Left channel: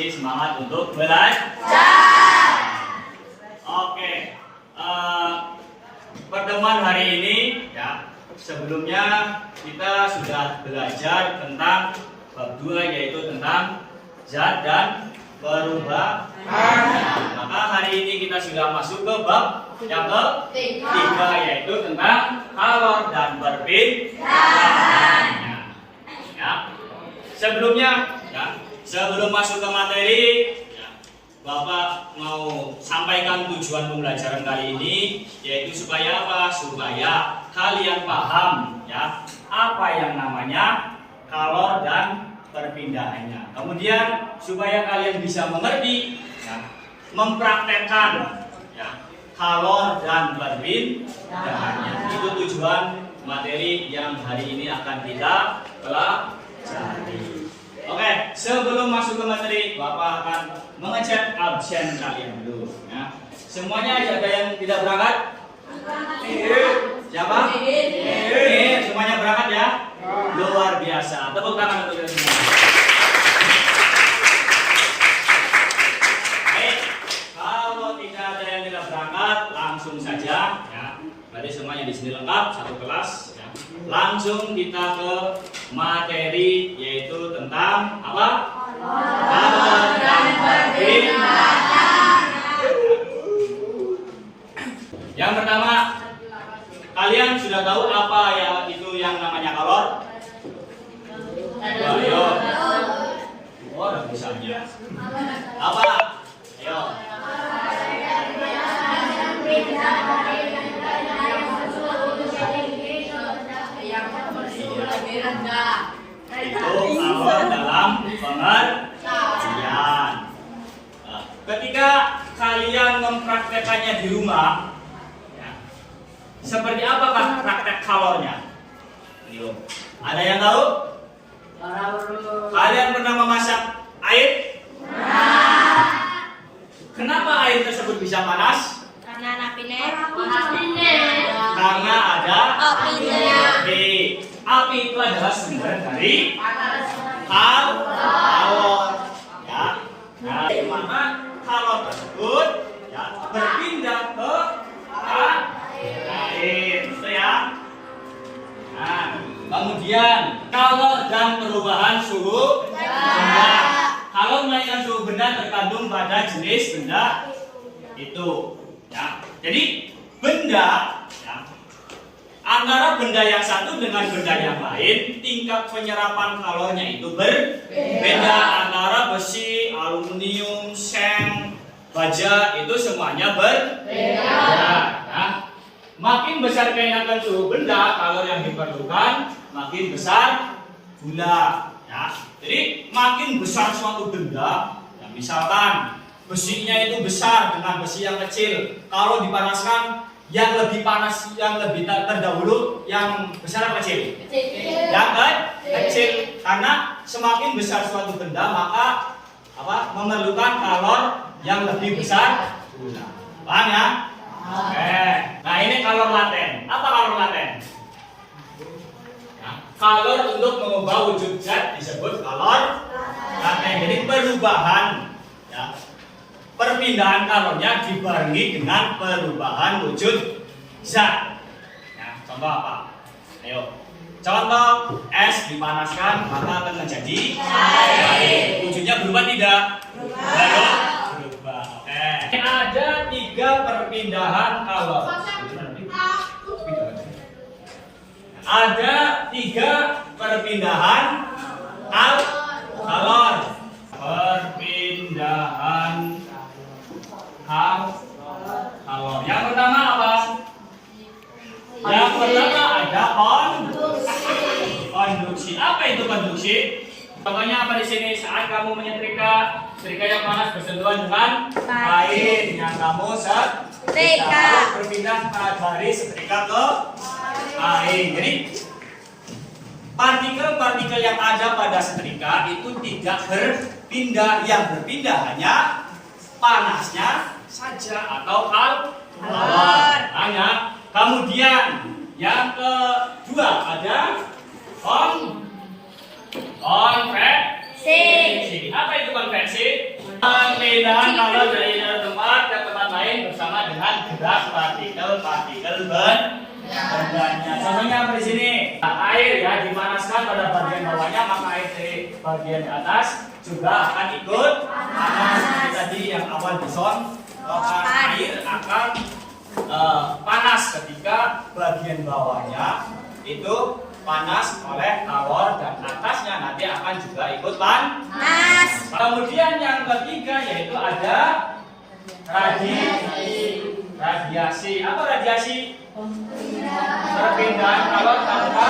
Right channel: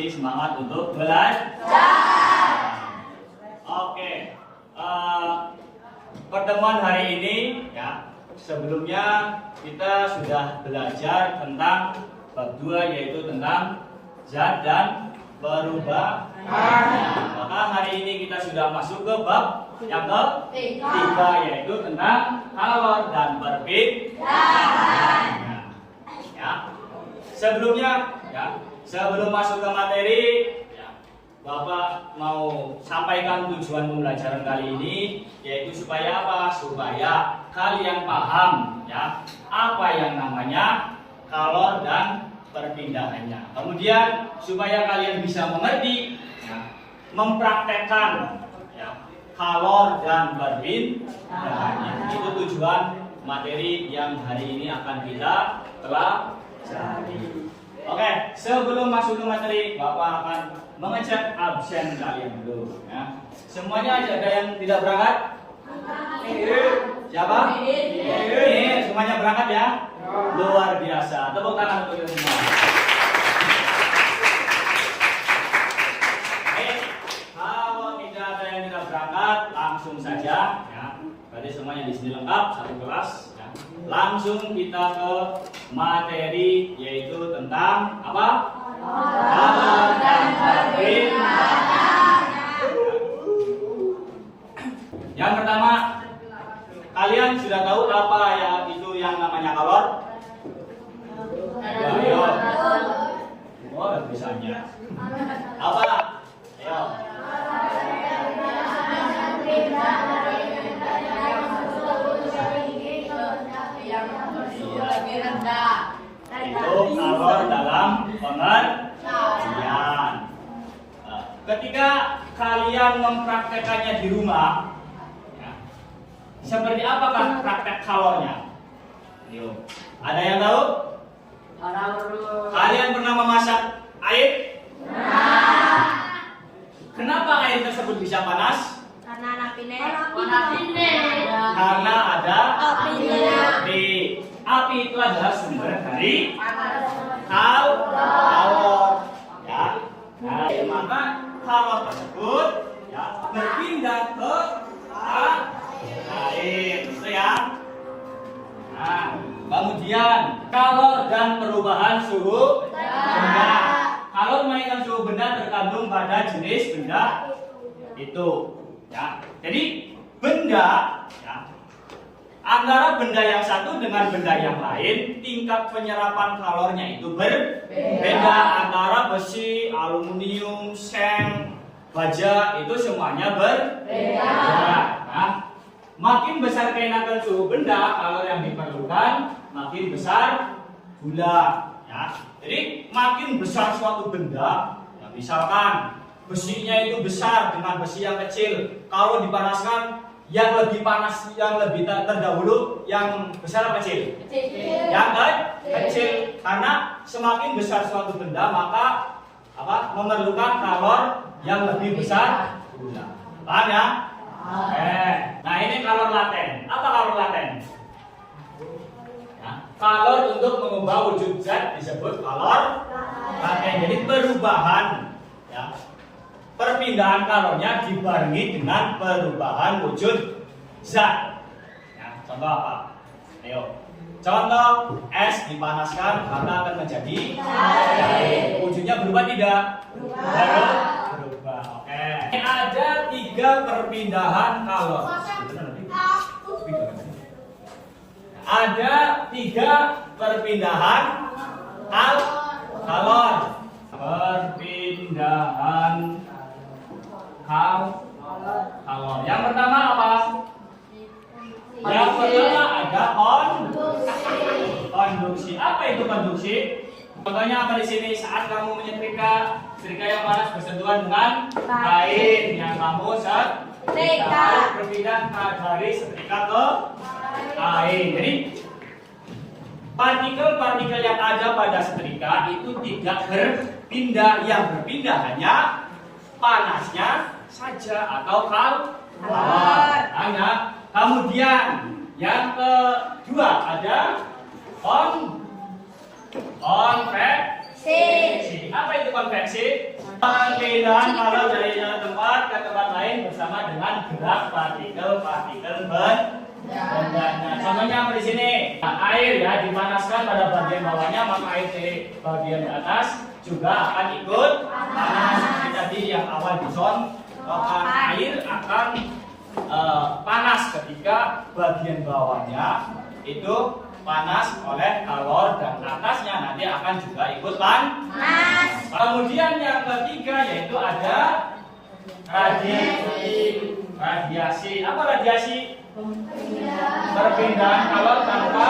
masih semangat untuk belajar. Oke, pertemuan hari ini ya, sebelumnya kita sudah belajar tentang bab 2 yaitu tentang zat dan perubahan. Maka hari ini kita sudah masuk ke bab yang ketiga yaitu tentang kalor dan perbindahannya. Ya. Sebelumnya ya, sebelum masuk ke materi ya, Bapak mau sampaikan tujuan pembelajaran kali ini yaitu supaya apa? Supaya kalian paham ya apa yang namanya kalor dan perpindahannya. Kemudian supaya kalian bisa mengerti ya, mempraktekkan ya, kalor dan perpindahannya. Itu tujuan materi yang hari ini akan kita pelajari. Oke, sebelum masuk ke materi, Bapak akan mengecek absen kalian dulu ya. Semuanya ada yang tidak berangkat? Siapa? Ini semuanya berangkat ya? Luar biasa. Tepuk tangan untuk kita semua. Baik, kalau tidak ada yang tidak berangkat, langsung saja ya. Berarti semuanya di sini lengkap, satu kelas ya. Langsung kita ke materi yaitu tentang apa? Kalor dan perbindahan. Yang pertama, kalian sudah tahu apa ya itu yang namanya kalor? Ayo. Oh, bisanya. Apa? Ayo. Itu kalor dalam pengertian. Ketika kalian mempraktekannya di rumah, ya, seperti apakah praktek kalornya? Yuk, ada yang tahu? Kalian pernah memasak air? Kenapa air tersebut bisa panas? Karena ada api. Api itu adalah sumber dari kalor. Ya. Nah, maka kalor tersebut ya, berpindah ke air. Itu ya. Nah, kemudian kalor dan perubahan suhu benda. Kalau menaikkan suhu benda tergantung pada jenis benda itu. Ya. Jadi benda ya, antara benda yang satu dengan benda yang lain, tingkat penyerapan kalornya itu berbeda. Antara besi, aluminium, seng, baja itu semuanya berbeda. Nah, makin besar keenakan suhu benda, kalor yang diperlukan makin besar gula. Ya. Jadi makin besar suatu benda, ya, misalkan besinya itu besar dengan besi yang kecil, kalau dipanaskan yang lebih panas, yang lebih terdahulu, yang besar atau kecil? Yang kecil. Karena semakin besar suatu benda maka apa? Memerlukan kalor yang lebih besar gula. Paham ya? Oke. Nah ini kalor laten. Apa kalor laten? Nah, kalor untuk mengubah wujud zat disebut kalor laten. Jadi perubahan ya, perpindahan kalornya dibarengi dengan perubahan wujud zat. Ya, contoh apa? Ayo. Contoh es dipanaskan maka akan menjadi air. Wujudnya berubah tidak? Berubah. Oke. Ada 3 perpindahan kalor. Ada 3 perpindahan kalor. Perpindahan kalor. Yang pertama apa? Yang pertama ada konduksi. Apa itu konduksi? Contohnya apa di sini? Saat kamu menyetrika, setrika yang panas bersentuhan dengan kain yang kamu setrika, berpindah dari setrika ke kain. Jadi partikel-partikel yang ada pada setrika itu tidak berpindah. Yang berpindah hanya panasnya saja atau kalor. Hanya. Kemudian yang kedua ada konveksi. Apa itu konveksi? perpindahan kalor dari tempat ke tempat lain bersama dengan gerak partikel bendanya. Contohnya apa di sini? Nah, air ya dipanaskan pada bagian bawahnya, maka air dari bagian atas juga akan ikut panas. Seperti tadi yang awal dicontohkan, air akan panas ketika bagian bawahnya itu panas oleh kalor dan atasnya nanti akan juga ikut panas. Kemudian yang ketiga yaitu ada radiasi. Apa radiasi? Perpindahan kalor tanpa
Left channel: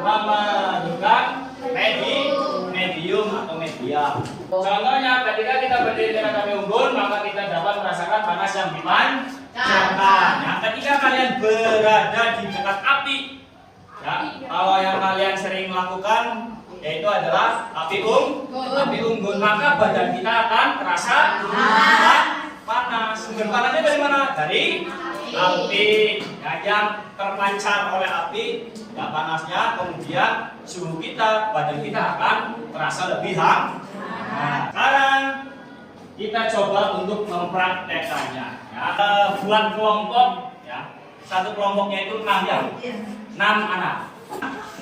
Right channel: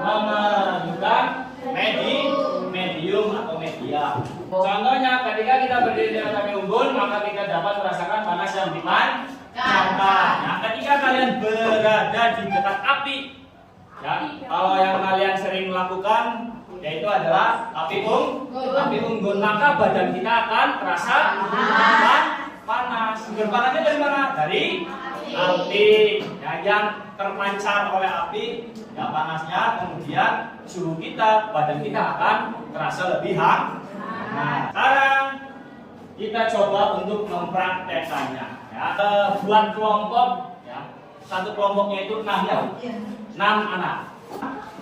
memerlukan medium atau media. Contohnya ketika kita berdiri di atas api unggun, maka kita dapat merasakan panas yang dipancarkan. Nah, ketika kalian berada di dekat api, ya, kalau yang kalian sering melakukan yaitu adalah api unggun, maka badan kita akan terasa panas. Sumber panasnya dari mana? Dari api, ya, yang terpancar oleh api, ya panasnya, kemudian suhu kita, badan kita akan terasa lebih hangat. Nah, sekarang kita coba untuk mempraktekannya. Ya, buat kelompok, ya, satu kelompoknya itu 6 ya, 6 anak.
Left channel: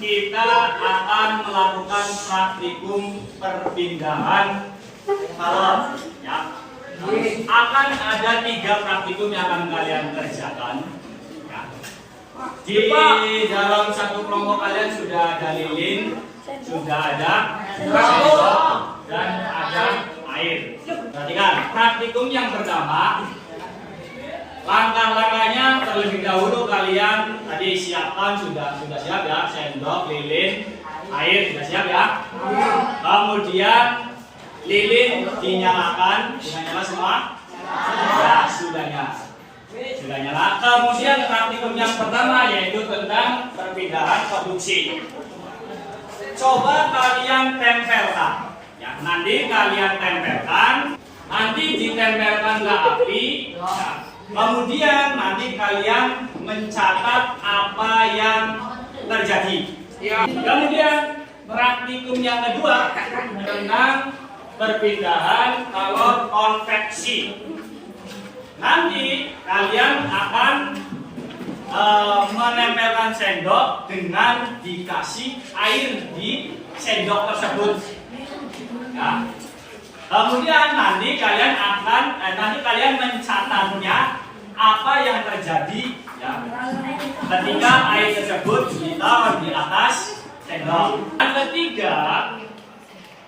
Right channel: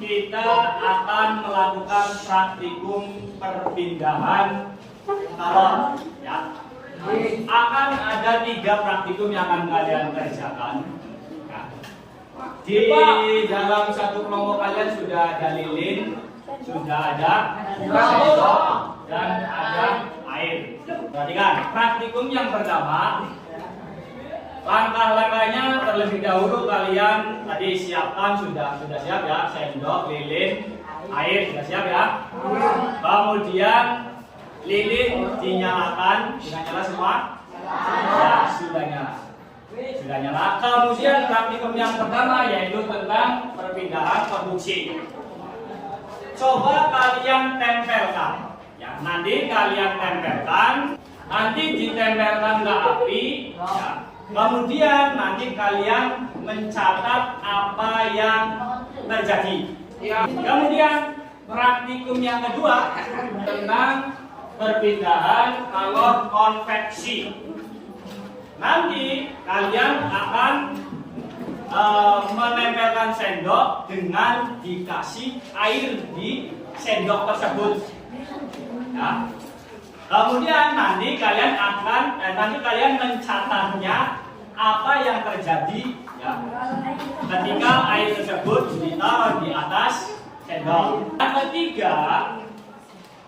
Kita akan melakukan praktikum perpindahan kalor. Ya. Akan ada 3 praktikum yang akan kalian kerjakan. Ya. Di dalam satu kelompok kalian sudah ada lilin, sudah ada sendok, dan ada air. Perhatikan, praktikum yang pertama, langkah-langkahnya terlebih dahulu kalian tadi siapkan, sudah siap ya, sendok, lilin, air sudah siap ya. Kemudian lilin dinyalakan, sudah nyala semua? Ya, sudah nyala. Kemudian praktikum yang pertama yaitu tentang perpindahan produksi. Coba kalian tempelkan, ya, nanti kalian tempelkan, nanti ditempelkan ke api, ya. Kemudian nanti kalian mencatat apa yang terjadi. Kemudian praktikum yang kedua tentang perpindahan kalor konveksi. Nanti kalian akan menempelkan sendok dengan dikasih air di sendok tersebut. Ya. Kemudian nanti kalian mencatatnya apa yang terjadi, ya, ketika air tersebut ditaruh di atas sendok. Yang ketiga,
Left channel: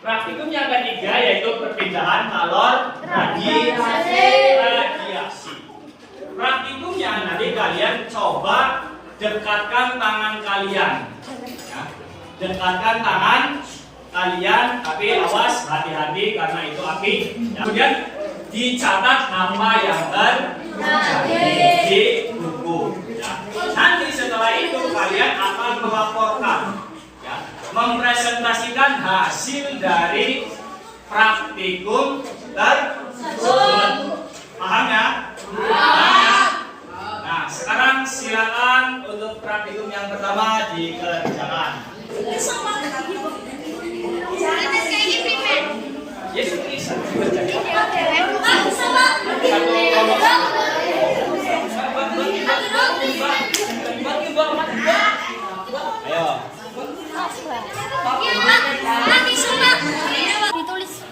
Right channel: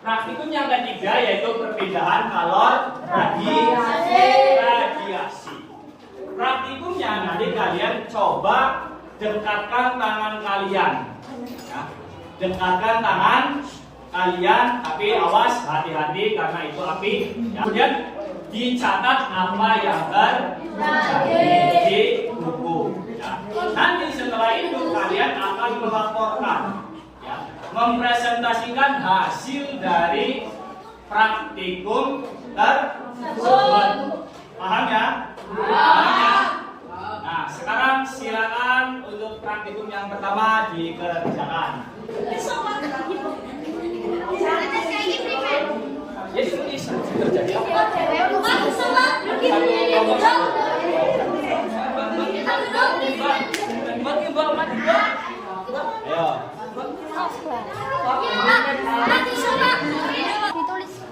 praktikum yang ketiga yaitu perpindahan kalor radiasi. Praktikumnya nanti kalian coba dekatkan tangan kalian, ya. Dekatkan tangan kalian, tapi awas, hati-hati karena itu api. Ya. Kemudian dicatat apa yang terjadi di buku. Ya. Nanti setelah itu kalian akan melaporkan, ya, mempresentasikan hasil dari praktikum tersebut. Paham ya? Nah, sekarang silakan untuk praktikum yang pertama dikerjakan. Ditulis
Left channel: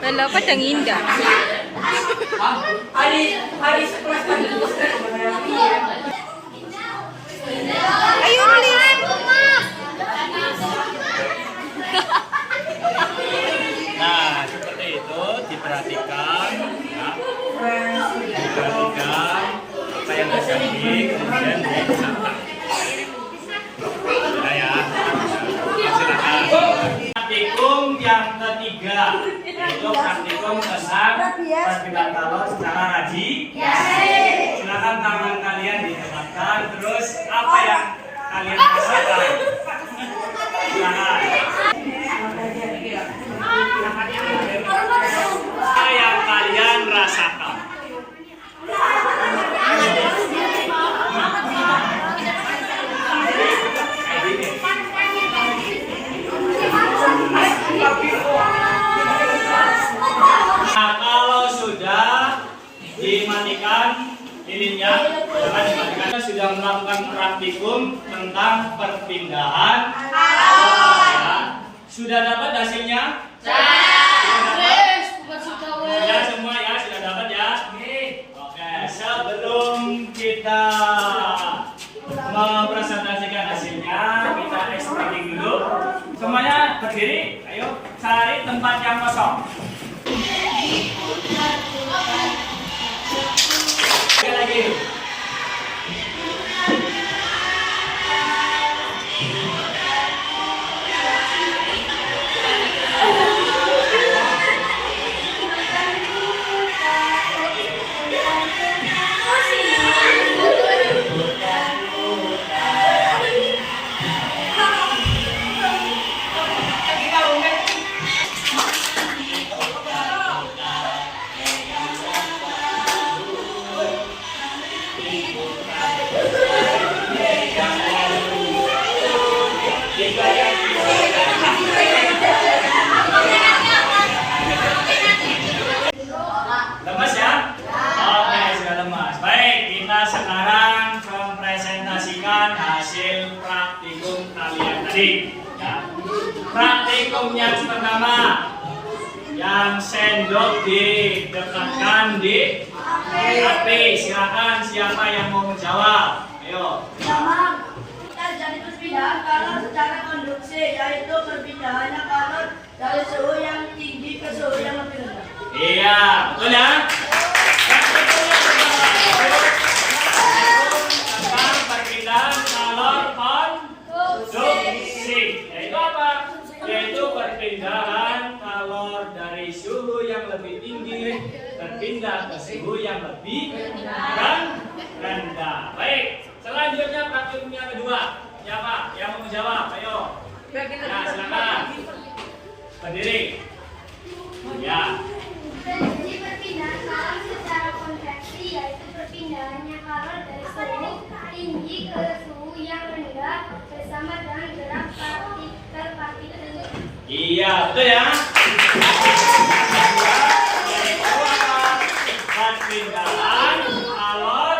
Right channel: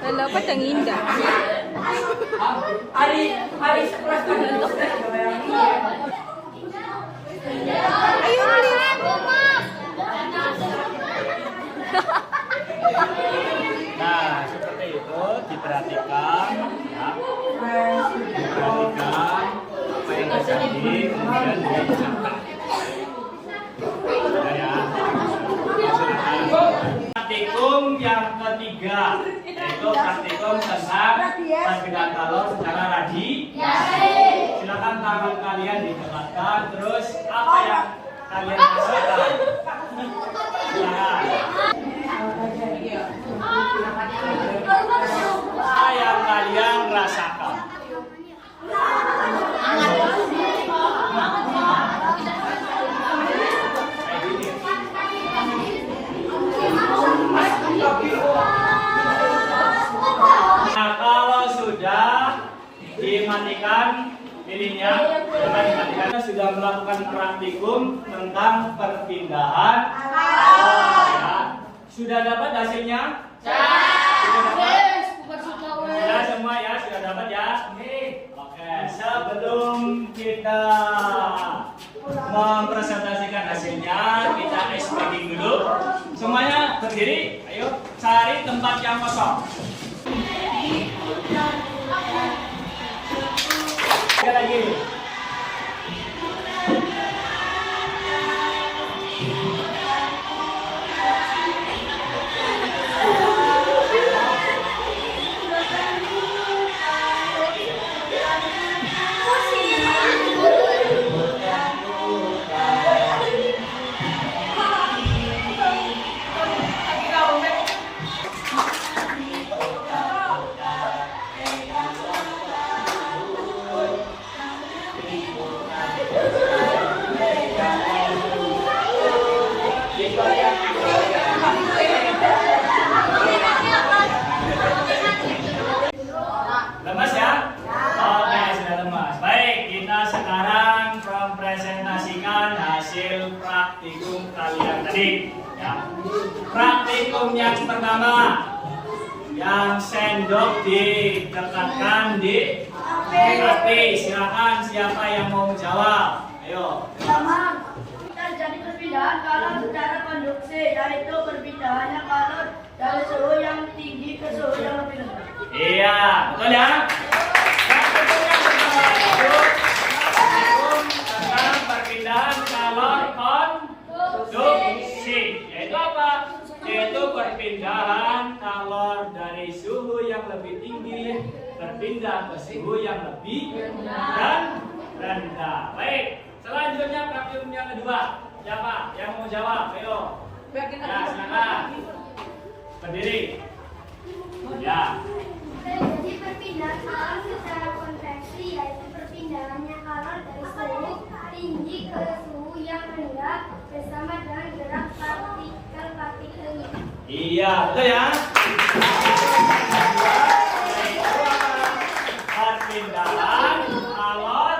Lala padang indah. Hari sekelas lagi. Ayo nulis. Nah, seperti itu diperhatikan, ya. Diperhatikan apa yang terjadi, kemudian dia dicatat. Sudah ya. Silakan. Praktikum yang ketiga yaitu praktikum tentang perpindahan kalor secara radiasi. Silakan tangan kalian didekatkan, terus apa yang kalian rasakan? Silakan. Apa yang kalian rasakan? dimatikan lilinnya, jangan dimatikan. Kita sudah melakukan praktikum tentang perpindahan kalor ya. Sudah dapat hasilnya? Ya semua ya, sudah dapat ya. Oke, sebelum kita mempresentasikan hasilnya, kita explaining dulu. Semuanya berdiri, ayo cari tempat yang kosong. Lihat lagi. Lemas ya? Oke, sudah lemas. Baik, kita sekarang mempresentasikan hasil praktikum kalian tadi. Ya. Praktikum yang pertama, yang sendok didekatkan di hati. Silakan siapa yang mau menjawab? Ayo. Jadi perpindahan kalor secara konduksi, yaitu perpindahannya kalor dari suhu yang tinggi ke suhu yang lebih rendah. Iya, betul ya? Praktikum yang pertama tentang perpindahan kalor konduksi. Yaitu apa? Yaitu perpindahan kalor dari suhu yang lebih tinggi berpindah ke suhu yang lebih rendah. Baik, selanjutnya praktikum yang kedua. Siapa yang mau menjawab? Ayo. Nah, silakan. Berdiri. Ya. Jadi perpindahan kalor secara konveksi, yaitu perpindahannya kalor dari suhu tinggi ke suhu yang rendah bersama dengan gerak partikel. Iya, betul ya. Perpindahan kalor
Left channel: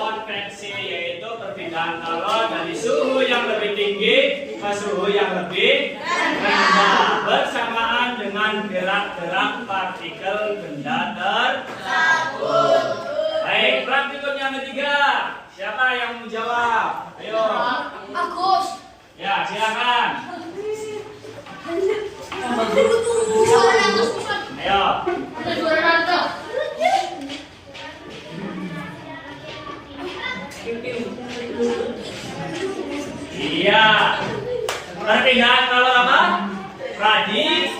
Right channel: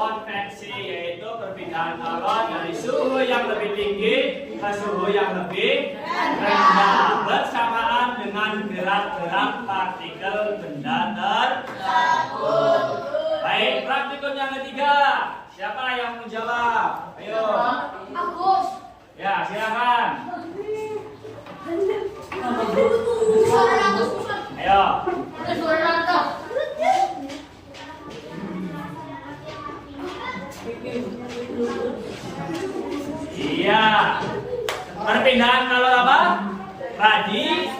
konveksi, yaitu perpindahan kalor dari suhu yang lebih tinggi ke suhu yang lebih rendah bersamaan dengan gerak-gerak partikel benda tersebut. Baik, praktikum yang ketiga. Siapa yang mau jawab? Ayo. Agus. Ya, silakan. Ayo. Ada suara Naruto. Iya. Perpindahan kalor apa? Radiasi,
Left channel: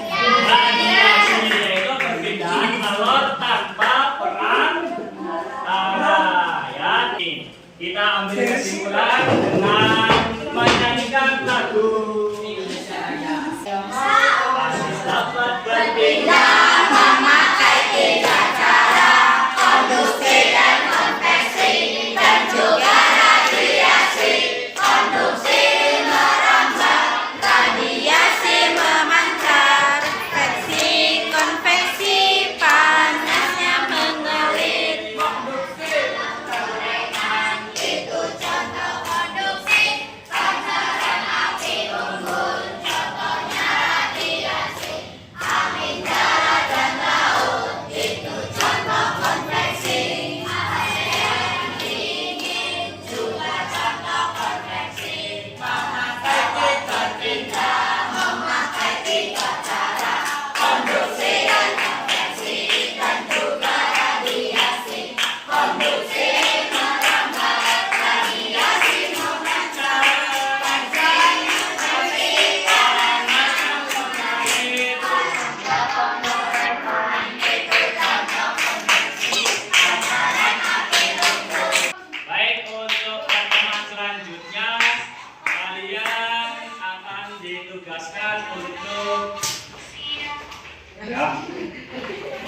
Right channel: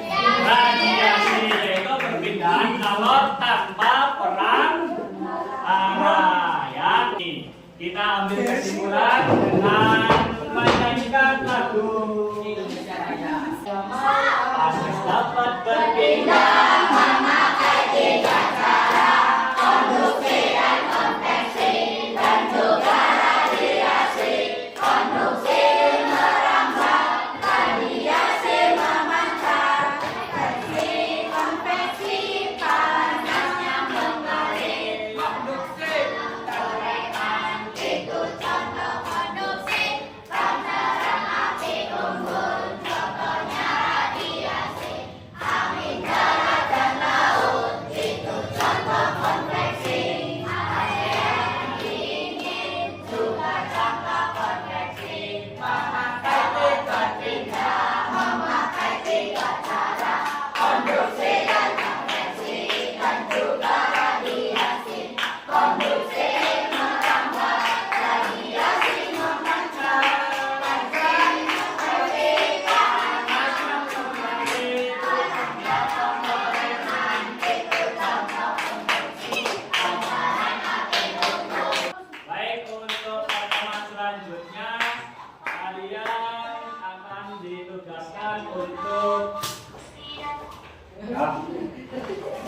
yaitu perpindahan kalor tanpa perang arah. Ya, kita ambil kesimpulan dengan menyanyikan lagu. Pasti dapat berpindah.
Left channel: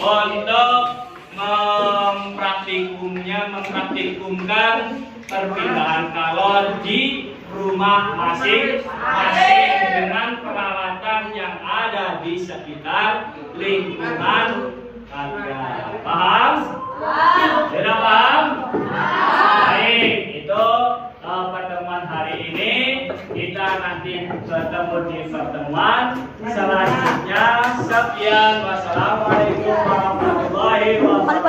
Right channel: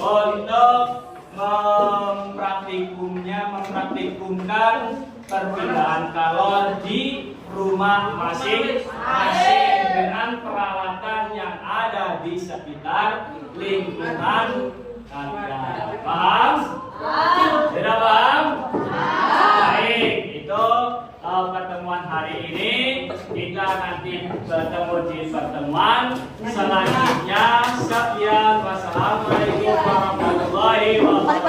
Untuk mempraktikumkan perpindahan kalor di rumah masing-masing dengan peralatan yang ada di sekitar lingkungan kalian. Kita nanti bertemu di pertemuan selanjutnya. Sekian, wassalamualaikum warahmatullahi wabarakatuh.